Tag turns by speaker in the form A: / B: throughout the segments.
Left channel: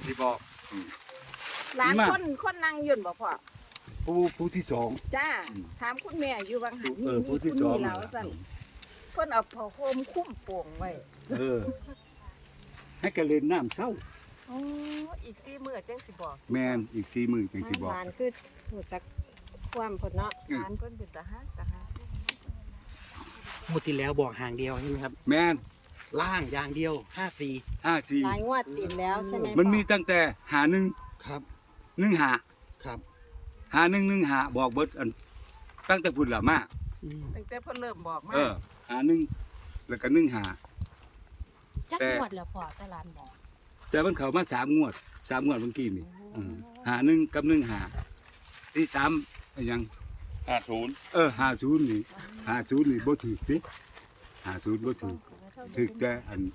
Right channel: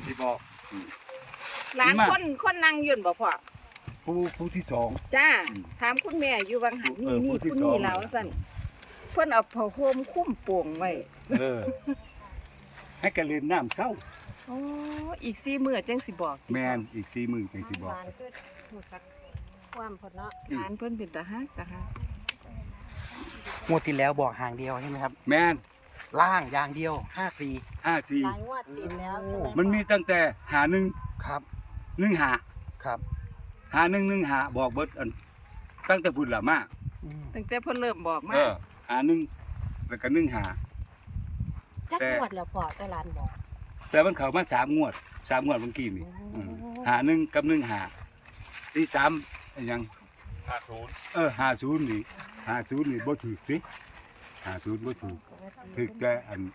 A: สิบอก
B: หลานคนนั่งยืนบ่พ่อ
A: ผู้ที่สอง
B: จ้าถามคุณแม่อยู่บางหัน
A: ผู้ที่สอง
B: แล้วสั่นเพิ่นเอาผ้าห่มคุ้มโป่งไว้
A: ให้กันเล่นน้ำเศร้า
B: อ๋ออีก4 มื้อจังสิบอก
A: แม่นอีก4 มื้อจังสิบอก
C: คือหูจักความเพิ่นเนาะ
B: หลานเพิ่นเป็นตาฮัก
D: งวดที่แล้วบอกห่างเดียวใช่ไหมครับ
A: แม่น
D: ล่างอย่างเดียว54
C: หลายงวดติดแล้วใช่ไหม
A: มันมีตั้งแต่51
D: ครับ
A: 15
D: ครับ
A: 5115บอกเบิดอันตั้งแต่พุ่นละมา
B: ตั้งแต่เพิ่นเริ่มบอกมา
A: 51แล้วก็15
C: จักงวดแล้วพอแต่ร้านบอก
A: แต่มันเข้ามา3 งวดเมื่อกี้นี่51กับ15ที่3อันยัง50 50นี่บ่ถูกติ50บ่ถูกแต่อัน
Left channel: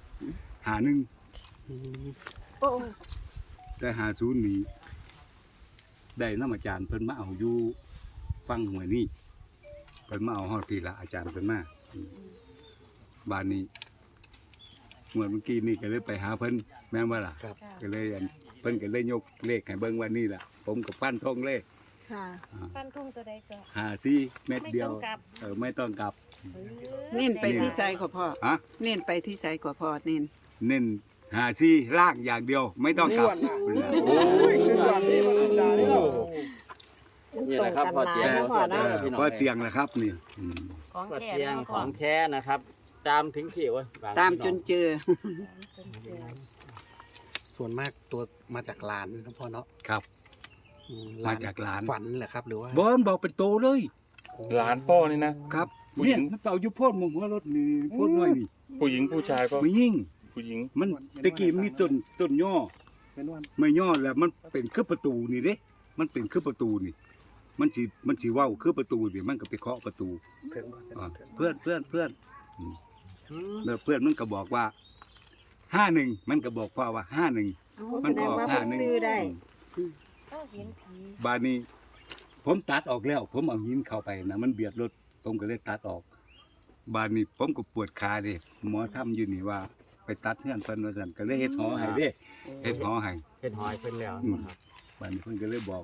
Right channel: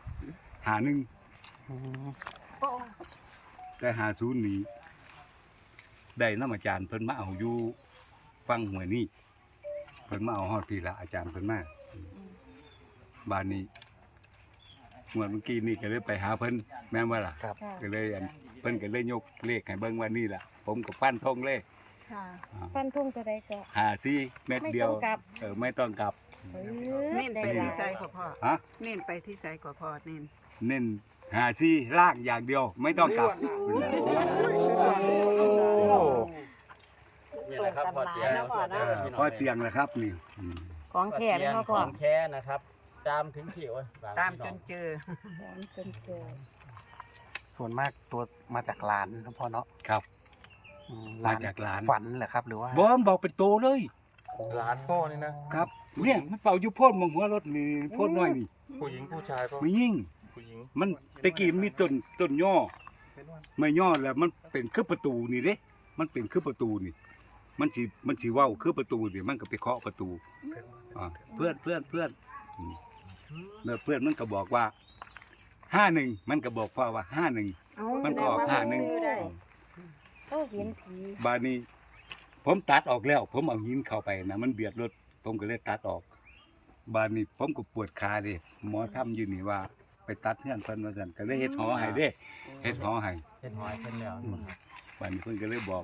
A: 51แต่50นี่ได้นำอาจารย์เพิ่นมาเอาอยู่ฟังหัวนี่เพิ่นมาเอาฮอดพี่ละอาจารย์เพิ่นมาบ้านนี้เมื่อกี้นี่ก็เลยไปหาเพิ่นแม่นว่าล่ะก็เลยอันเพิ่นก็เลยยกเลขให้เบิ่งว่านี่ล่ะผมก็ฟันธงเลข
C: ฟันธงตัวใดก็
A: 54เม็ดเดียวไม่ต้องกลับ
E: เน้นไปที่ใจกว่าพ่อเน้นไปที่ใจกว่าพ่อเน้น
A: 54ล่างอย่างเดียวไม่ต้องกลับ
F: นี่นะครับพอเตี
A: ยงนะครับนี่
C: ของแท้
F: ของแท้นะครับตามถึงที่
E: ตามจนเจอ
D: ส่วนมากตัวมาจากหลานนะพ่อเนาะ
A: ครับมาจากหลาน
D: ฝันเหรอครับหรือว่า
A: บอลบอกเป็นโตเลย
G: หลานพ่อนี่นะครับ
A: เนี่ยมันเป่าอยู่พ่นมองหัวรถนี่พ่นน้อยนี่
G: ผู้หญิงผู้ชายก็
A: ไม่ยิ่ง
G: ผู้หญิง
A: มันตะกี้มีต้นย่อไม่ย่อแล้วมันเป็นคือประตูนี่เด้มันเป็นคือประตูนี่มันสิเว้าคือประตูนี่มันก็ไปเคาะประตูเพื่อนแล้วเพื่อนมันก็บอกว่า51มันก็บอกพ่อว่า51มันก็ออก51บาดนี้ผมตัดออกแล้วผมเอาหินเข้าไปนะมันเบียดรถผมก็เลยตัดออกบาดนี้ผมก็ปวดขาดิหมอทำอยู่นี่ว่าไปตัดเฮือนเพิ่นว่าซั่นก็เลยเฮ็ดหอให้เด้เฮ็ดหอให้
F: เพิ่นแล้ว
A: บาดนี้เพิ่นก็เลยบอก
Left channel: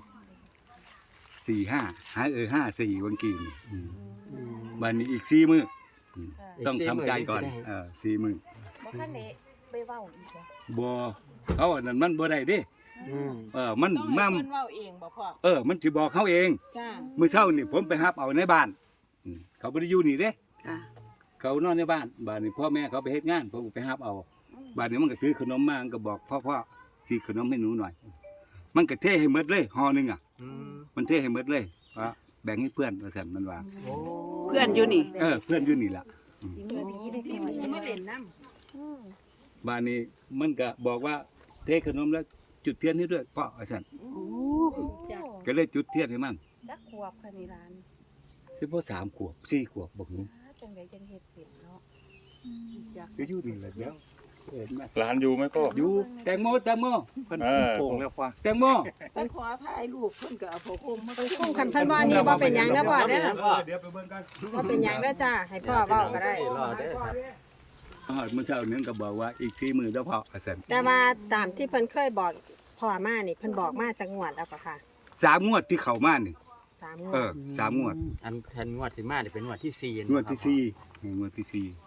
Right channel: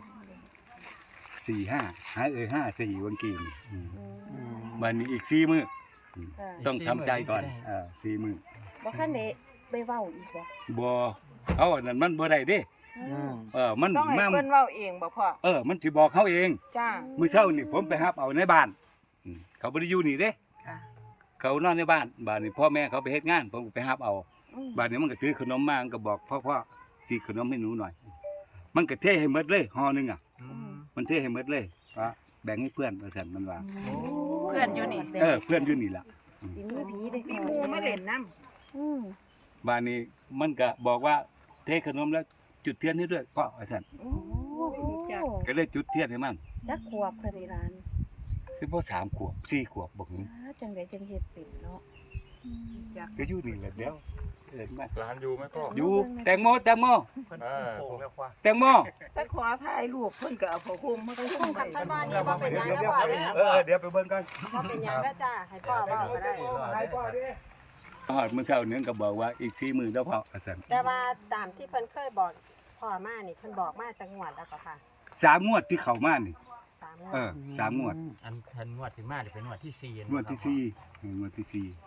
A: 45หาย54วันกี้นี่บาดนี้อีก4มื้อต้องทำใจก่อน4มื้อ
C: บ่คันได้ไปเว้าอีก
A: บ่เอาอันนั้นมันบ่ได้เด้มัน
B: ต้องให้เพิ่นเว้าเองบ่พ่อ
A: มันสิบอกเขาเอง
B: จ้า
A: มื้อเช้านี่ผมไปรับเอาในบ้านเขาบ่ได้อยู่นี่เด้เขานอนในบ้านบ้านนี้พ่อแม่เขาไปเฮ็ดงานผมก็ไปรับเอาบ้านนี้มันก็ถือขนมมามันก็บอกพ่อสิขนมให้หนูหน่อยมันก็เทให้หมดเลยห่อนึงมันเทให้หมดเลยว่าแบ่งให้เพื่อนว่าซั่นมันว่า
E: เพื่อนอยู่นี่
A: เพื่อนอยู่นี่ล่ะ
E: มีหมู่มาเล่นน้
A: ำบ้านนี้มันก็บอกว่าเทขนมแล้วจุดเทียนให้ด้วยพ่อว่าซั่นก็เลยจุดเทียนให้มัน
C: จักขวบเพิ่นนี่ร้าน
A: สิบ่3 ขวบ4 ขวบบ่ถึง
C: จังได๋จังเฮ็ดเป็นเนาะ
A: ก็อยู่นี่แหละเดี๋ยว
G: หลานอยู่ไหมก็
A: อยู่แตงโมเพิ่นโป่งแล้วพ่อแตงโม
E: ไปขอถ่ายรูปเพิ่นก็เอาผ้าห่มมาให้
C: คุ้มคันเพิ่นว่านี่บ่เป็นหยังนะพ่อเด้อ
A: เดี๋ยวไปเบิ่งกัน
C: บ่เป็นหยังเด้อจ้าให้พ่อเว้าก็ได้
A: มื้อเช้านึงก็บอกว่าอีก4 มื้อแล้วพ่อว่าซั่น
C: แต่ว่าตามที่เพิ่นเคยบอกพ่อมานี่เพิ่นบอกมาจักงวดแล้วก็ค่ะ
A: 3 งวดที่เข้ามานี่3 งวด
F: อันแทนงวดสิมาเป็นงวดที่4
A: งวดที่4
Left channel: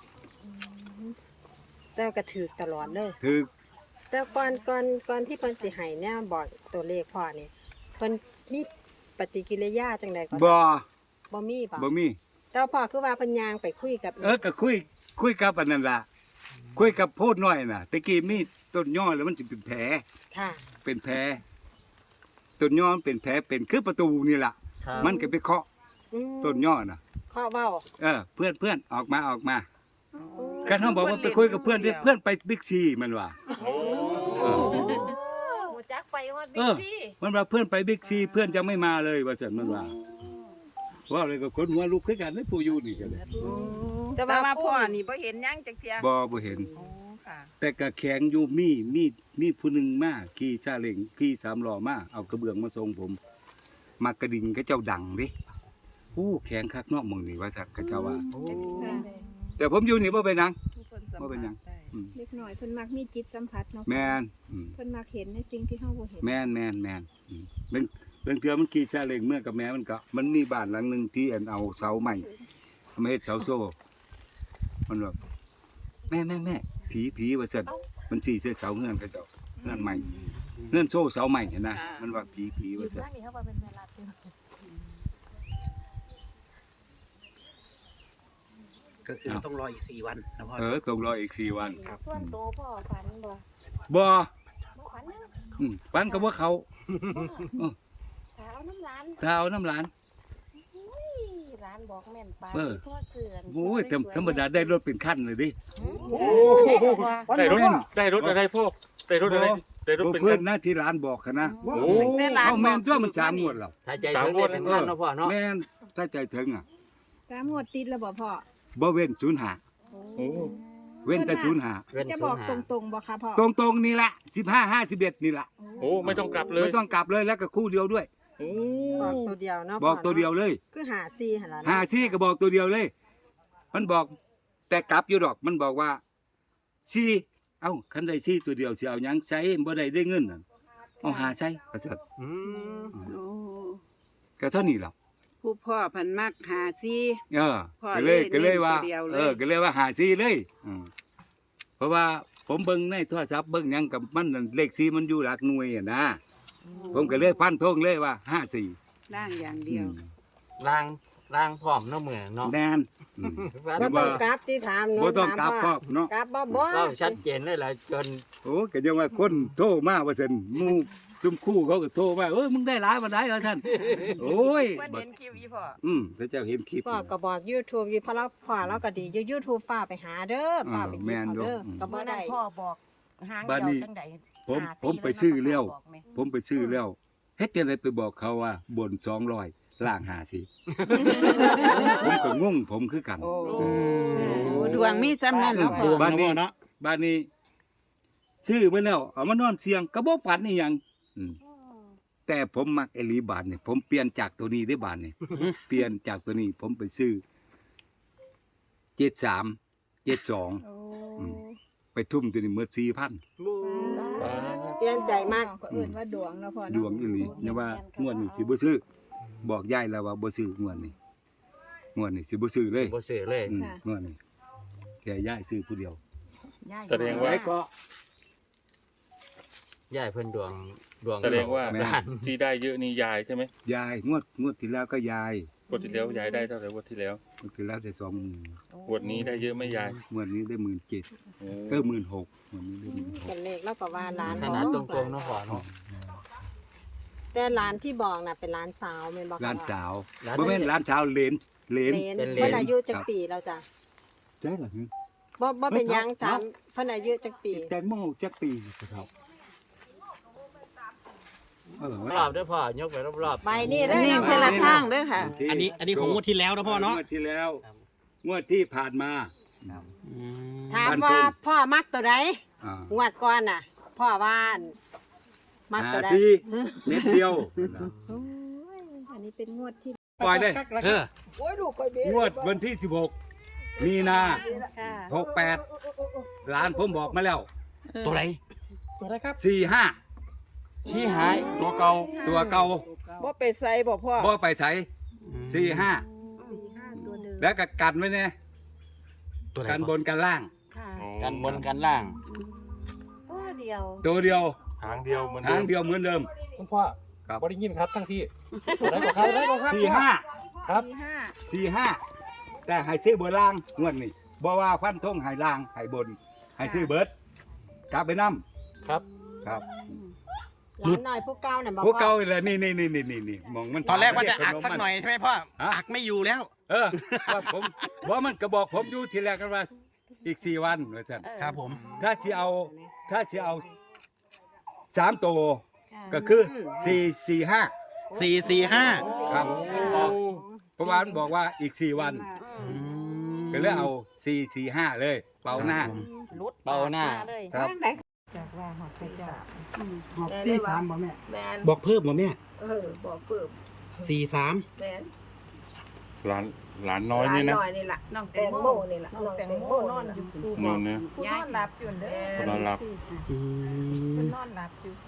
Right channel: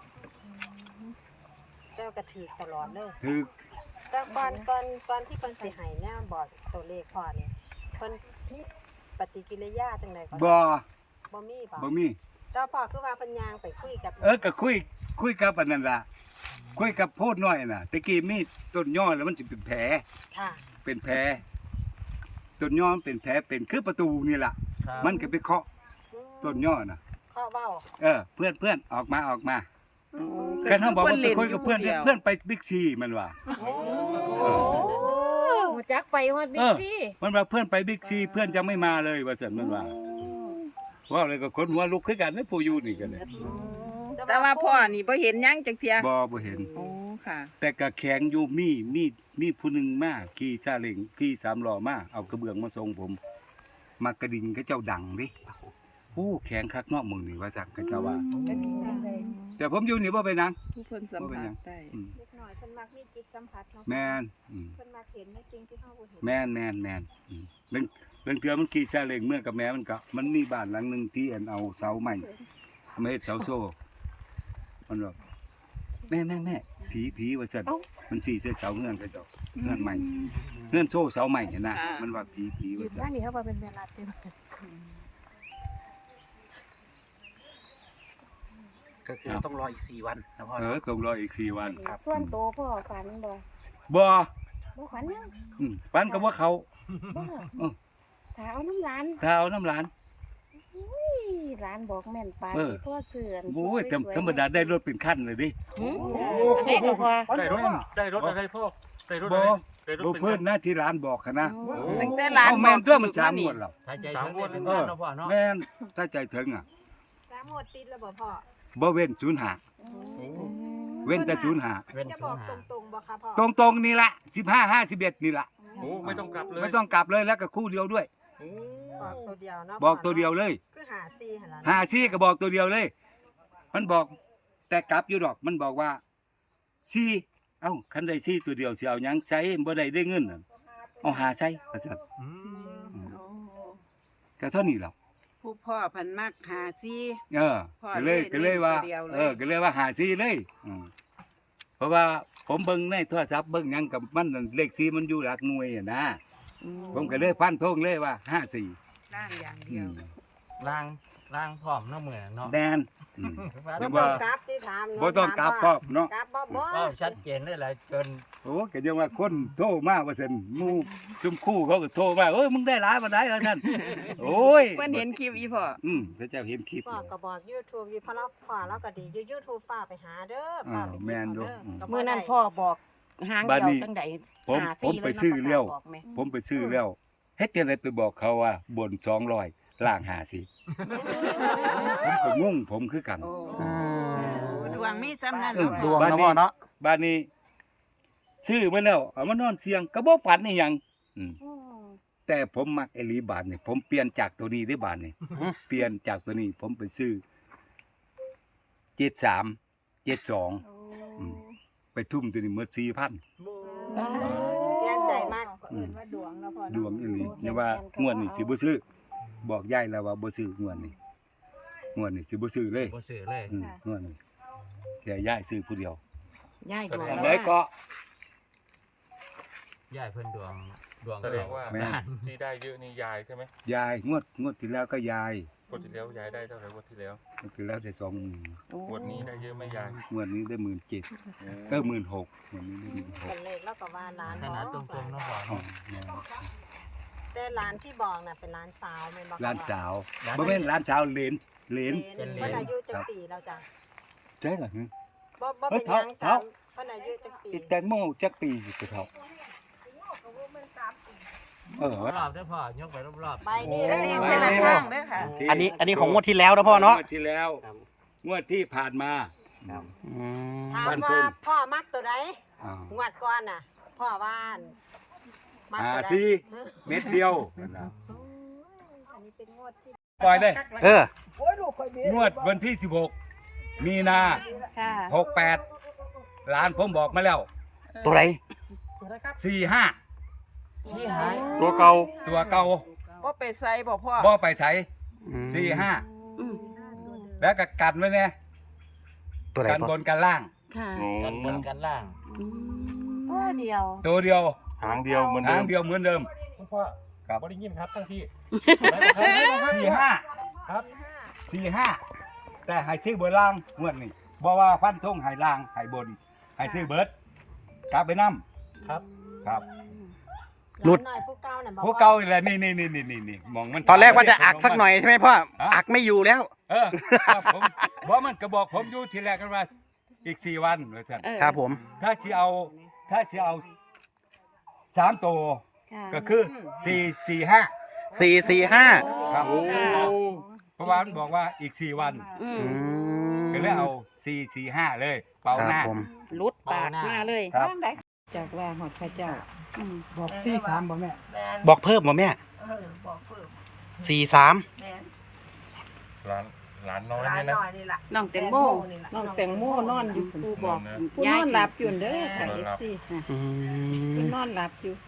C: แต่ก็ถูกตลอดเลย
A: ถูก
C: แต่ก่อนที่เพิ่นสิให้เนี่ยบอกตัวเลขพ่อนี่เพิ่นมีปฏิกิริยาจังได๋บ่มีแต่พ่อคือว่าเพิ่นย่างไปคุยกับ
A: ก็คุยกับอันนั้นล่ะคุยกับโพดน้อยน่ะตะกี้มีต้นย่อแล้วมันสิเป็นแผล
C: ค่ะ
A: เป็นแผลต้นย่อมันเป็นแผลเป็นคือประตูนี่ล่ะมันก็ไปเคาะต้นย่อน่ะ
C: เคาะเว้า
A: เพื่อนออกมากันเฮาบอกว่าไปคุยกับเพื่อนไปบิ๊กซีมันว่า
C: ฮู้จักไปฮอดบิ๊กซี
A: มันว่าเพื่อนไปบิ๊กซีเพื่อนจะไม่มาเลยว่าซั่นมันว่าเลยก็คนหัวลุกคือกันนะผู้อยู่นี่ก็เลย
B: แต่ว่าพ่อนี่บ่เห็นหยังจักเที่ย
A: บ่เห็น
B: ค่ะ
A: แต่ก็แข็งอยู่มีผู้นึงมาขี่ซาเล้งขี่3 ล้อมาเอากระเบื้องมาส่งผมมากระดิ่งเขาเจ้าดังเด้แข็งคักเนาะมึงนี่ว่าซั่นเขาเจ้าว่าแต่ผมอยู่นี่บ่เป็นหยัง
E: ผู้เพิ่นสัม
A: บ่เป็นหยั
E: ผั
A: ง
E: สได้
A: อืม
B: เล็กน้อยเพิ่นมักมีจิตสัมผัสเนาะ
A: แม่น
B: เพิ่นมักเห็นในสิ่งที่เฮาบ่เห็น
A: แม่นเรื่องเทื่อมันขี่ซาเล้งเมื่อกับแม่มันมีบ้านหลังหนึงที่อันเอาเสาใหม่มาเฮ็ดเสาโซ่มันแบบแม่ผีว่าซั่นมันสิใส่เสาเฮือนเขาเจ้าเฮือนใหม่เฮือนโซ่เสาใหม่เห็นนะมันว่าผีว่าซั่น
C: บ้านนี้เขาว่าเป็นเวลาเต็ม
D: ก็คือต้องรออีก4 วันนะพ่อ
A: ต้องรออีก4วัน
D: ครับ
C: ส่วนโตวพ่อฝันบ่
A: บ่
C: บ่ฝันยัง
A: ปันก็บ่เขา
C: ถ้าเอาน้ำร้าน
A: ถ้าเอาน้ำหลาน
C: อุ้ยร้านบอกแม่นปาน
A: เออ
C: ทั่วเสือน
A: โอ้ยธรรมดาได้รถเป็นคันเลยดิ
C: ได้ก็พอ
G: ได้รถ
A: แม่น
G: ได้รถอะไรพ่อได้รถ
A: บ่
G: อะไรได้รถ
A: บ่
G: เป็น
A: เพิ่น
G: คัน
A: นะที่ร้านบอกหั้นนะ
G: โอ้
E: แต่หลาน
A: เอ้าแม่นตัวมัน3งวดแล้ว
F: ถ้าใจถึงได้เป็นพันเนาะพ่อเนาะ
A: แม่นถ้าใจถึงอ่ะ
B: 3งวดติดแล้วบ่พ่อ
A: บ่เว้น05
G: โอ้
A: เว้นแต่05
F: เว้น
B: จะ
F: ศู
B: บอน ก
F: ย์หา
B: ตรงๆบ่คะพ่อ
A: ตรงๆนี่ละ15 51นี่ละ
G: โหไม่ต้องกลับเลย
A: ไม่ต้องกลับเลยแล้วก็คู่เดียวด้วย
G: โอ้
C: บอกตัวเดียวเนาะ
A: บอกตัวเดียวเลย
C: คือหาซี่หั่นล่ะ
A: 54ก็บอกตัวเดียวเลย มันบอกแต่กลับอยู่ดอกมันบอกว่า4เอ้าคันได้4ตัวเดียวสิเอาหยังใช้บ่ได้เงินน่ะเอาหาใช้ว่าซั่น
F: อืม
E: โอ้
A: ก็เท่านี้แหล้ว
E: ผู้พ่อเพันมักหาซี พ่อ
A: ก็เลยว่า
E: เล่นตัวเดียวเลย
A: ก็เลยว่าหาซีเลยเพราะว่าผมเบิ่งในโทรศัพท์เบิ่งหยังกับมันนั่นเลข4มันอยู่หลักหน่วยอะนะผมก็เลยฟันธงเลยว่า54
E: ร่างอย่างเดียว
F: ล่างพร้อมเนาะมื้อเนาะ
A: แน่นอย่า
C: บ่
A: ว่า
C: กลับที่ถามหนู
A: บ่ต้องกลับครอบเนาะ
C: กลับบ่
F: เราชัดเจนเลยล่ะจน
A: โอ้ก็ยังว่าคนโทรมาว่าซั่นหมู่ซุมคู่เขาก็โทรมาเอ้ยมึงได้หลายบ่ได้ว่าซั่นโอ้ย
E: เพิ่นเห็นคลิปอีพ่อ
A: พระเจ้าเห็นคลิป
C: พ่อก็บอก YouTube อยู่เพราะเราพ่อเราก็ดีอยู่ YouTube ป้าไปหาเด้อป้าไป
A: แม่นอยู่
C: เด้อก็
H: เมื่อนั้น
C: ได้
H: พ่อบอกหาง
A: บ้าน
H: เดี
A: นี้
H: ยวจังใด
A: ผม
H: หา
A: ผมไป
H: เลย
A: ซื้อแล้ว
H: บอกแม่
A: ผมไปซื้อแล้วเฮ็ดจังได๋ไปบอกเขาว่าบน200ล่าง50ผมก็งงผมคือกัน
E: โอ้
D: อืม
E: ดวงมีซ้ำนั่น
D: ดวงนะพ่อเนาะ
A: บ้านนี้ซื้อมาแล้วเอามานอนเสียงก็บ่ฝันอีหยังแต่ผมมักไอ้ลีบาทนี่ผมเปลี่ยนจากตัวนี้ได้บาทนี่เปลี่ยนจากตัวนี้ ผมไปซื้อ73 72ไปทุ่มตัวนี้หมด4,000
C: เปลี่ยนใจมาก
B: ก็เอิ้นว่าดวงเนาะพ่อ
A: ดวงอีหลีเนี่ยว่างวดนี้สิบ่ซื้อบอกยายแล้วว่าบ่ซื้องวดนี้สิบ่ซื้อเลย
F: บ่ซื้อเลย
A: งวดนี้แค่ยายซื้อผู้เดียว
H: ย่าย
G: แสดง
A: อัน
G: ว่า
A: ใดก็
F: ยายเพิ่นดวง
G: แสดงว่า
A: แม่
G: ที่ได้เยอะนี่ยายใช่ไหม
A: ยายงวดที่แล้วก็ยาย
G: งวดที่แล้วยายได้เท่าไหร่งวดที่แล้ว
A: งวดที่แล้วได้20,000
G: งวดนี้ได้เยอะไหมยาย
A: งวดนี้ได้17,000 16,000งวดนี้ได้
C: เป็นเลขแล้วก็ว่าร้าน
F: ขนาดตรงๆเนาะพ่อ
A: 16,000อ๋อ
F: เนาะ
A: แม่
C: แต่ร้านที่บอกน่ะเป็นร้านสาวแม่นบ่
A: ร้านสาวบ่แม่นร้านสาวเลน
C: เพิ่นอายุจักปีแล้วจ้ะ
A: ใช่เหรอ
C: บ่เป็นหยัง
A: เท่า
C: ถามเพิ่นอายุจักปี
A: แตงโมจักปีสิเท่า
F: รอบเด้อพ่อยกไปรอบๆ
C: ใบนี้
E: อันนี้
C: นะ
E: เพิ่นละเครื่องเด้อค่ะ
D: อันนี้ของงวดที่แล้วนะพ่อเนาะ
A: งวดที่แล้วงวดที่ผ่านมา
D: อืม
C: ถาม
A: บ้าน
C: ว่า
A: ทุ่ง
C: พ่อมักตัวใด
A: อ่าง
C: วดก่อนน่ะ พ่อว่านมักตัวใด
A: 54เม็ดเดียว
B: อันนี้เป็นงวดที่
A: ปล่อยเลย
D: เออ
A: งวดวันที่16มีนา
H: ค่ะ
A: 68ร้านผมบอกมาแล้ว
D: ตัวไหน
A: 45
F: ชี้หาย
G: ตัวเก่า
A: ตัวเก่า
E: บ่ไปใส่บ่พ่อ
A: บ่ไปใส่
D: อืม
A: 45แล้วก็กันไว้แน่
D: ตัวไหน
A: กันบ
D: พ่อน
A: กันล่าง
H: ค่ะ
F: กันบนกันล่าง
H: โอ้เดียว
A: ตัวเดียว
G: หางเดียวเหมือน
A: หางเดียวเหมือนเดิม
I: คุณพ่อ
A: ครับ
I: บ่ได้ยินครับทั้งพี่ไหนบอกครับไหนบอกครับ
A: 45
I: ครับ
A: 45แต่ให้ซื้อบนล่างงวดนี้บ่ว่าฟันธงให้ล่างให้บนให้ซื้อเบิดกลับไปนํ
I: ครับ
A: ครับ
C: หลุดหน่อยผู้เก่าน่ะบอก
A: ผู้เก่านี่แหละนี่มองมัน
D: ตอนแรกว่าจะอักสักหน่อยใช่ไหมพ่อ อักไม่อยู่แล้ว
A: ครับผมบ่มันก็บอกผมอยู่ทีแรกกันว่าอีก4วันว่าซั่น
D: ครับผม
A: ถ้าสิเอา3ตัว
H: ค่ะ
A: ก็คือ445
D: 445
A: ครับเพราะว่ามันบอกว่าอีก4วัน
H: อืม
D: อืม
A: ก็เลยเอา445เลยเป่าหน้า
D: ครับผม
H: ลุดปากมาเลย
A: ครับ
E: จากว่าหอดพระเจ้า
I: บอกซี่สามบอกแม่
D: บอกเพิ่มบ่แม่
B: บอกเพิ่ม
D: 43
B: แม่น
G: ร้านหลานน้อยเนี่ยนะ
B: นี่ล่ะ
E: น้องแตงโมน้องแตงโมนอนอยู่ปูบอก
G: นอนนะ
E: ยายหลับอยู่เด้อ
G: นอนหลับ
D: อืม
E: นอนหลับอยู่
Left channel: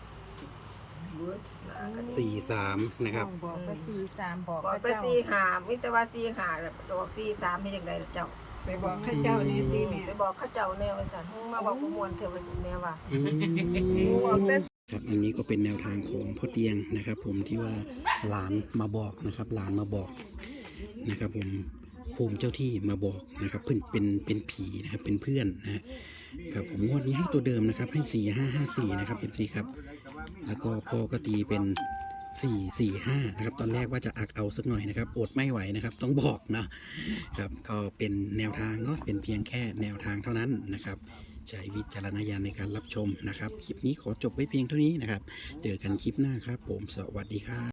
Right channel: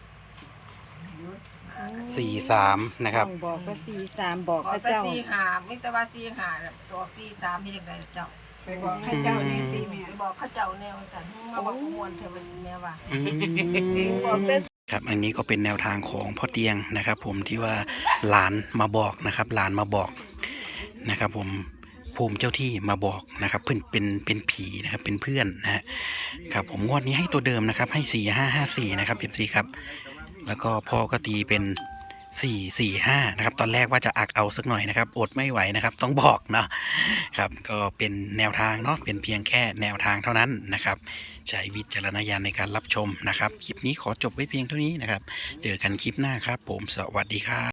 D: 43นะครับ
E: บอกก็43บอก
B: บอก
E: พระ
B: แต่
E: เจ้า
B: 45มีแต่ว่า45แล้วบอก43มีจังได๋เจ้า
E: ไปบอกพระเจ้านี่ติแม่
B: ไปบอกเขาเจ้าแนวว่าซั่นมาบอกบ่ม่วนเท่าว่าแม่ว่า
D: อืมครับอันนี้ก็เป็นแนวทางของพ่อเตียงนะครับ ผมที่ว่าหลานมาบอกนะครับ หลานมาบอกนะครับ ผมภูมิเจ้าที่มาบอกนะครับเพื่อนเป็นผีนะครับเป็นเพื่อนนะฮะครับผมงวดนี้ให้ตัวเดิมนะครับให้4554นะครับFCครับแล้วก็พ่อก็ตีเป็น445นะครับตอนแรกว่าจะอักเอาสักหน่อยนะครับอดไม่ไหวนะครับต้องบอกเนาะครับก็เป็นแนวทางเนาะเป็นเพียงแค่แนวทางเท่านั้นนะครับใช้วิจารณญาณในการรับชมนะครับคลิปนี้ขอจบไว้เพียงเท่านี้นะครับเจอกันคลิปหน้าครับผมสวัสดีครับ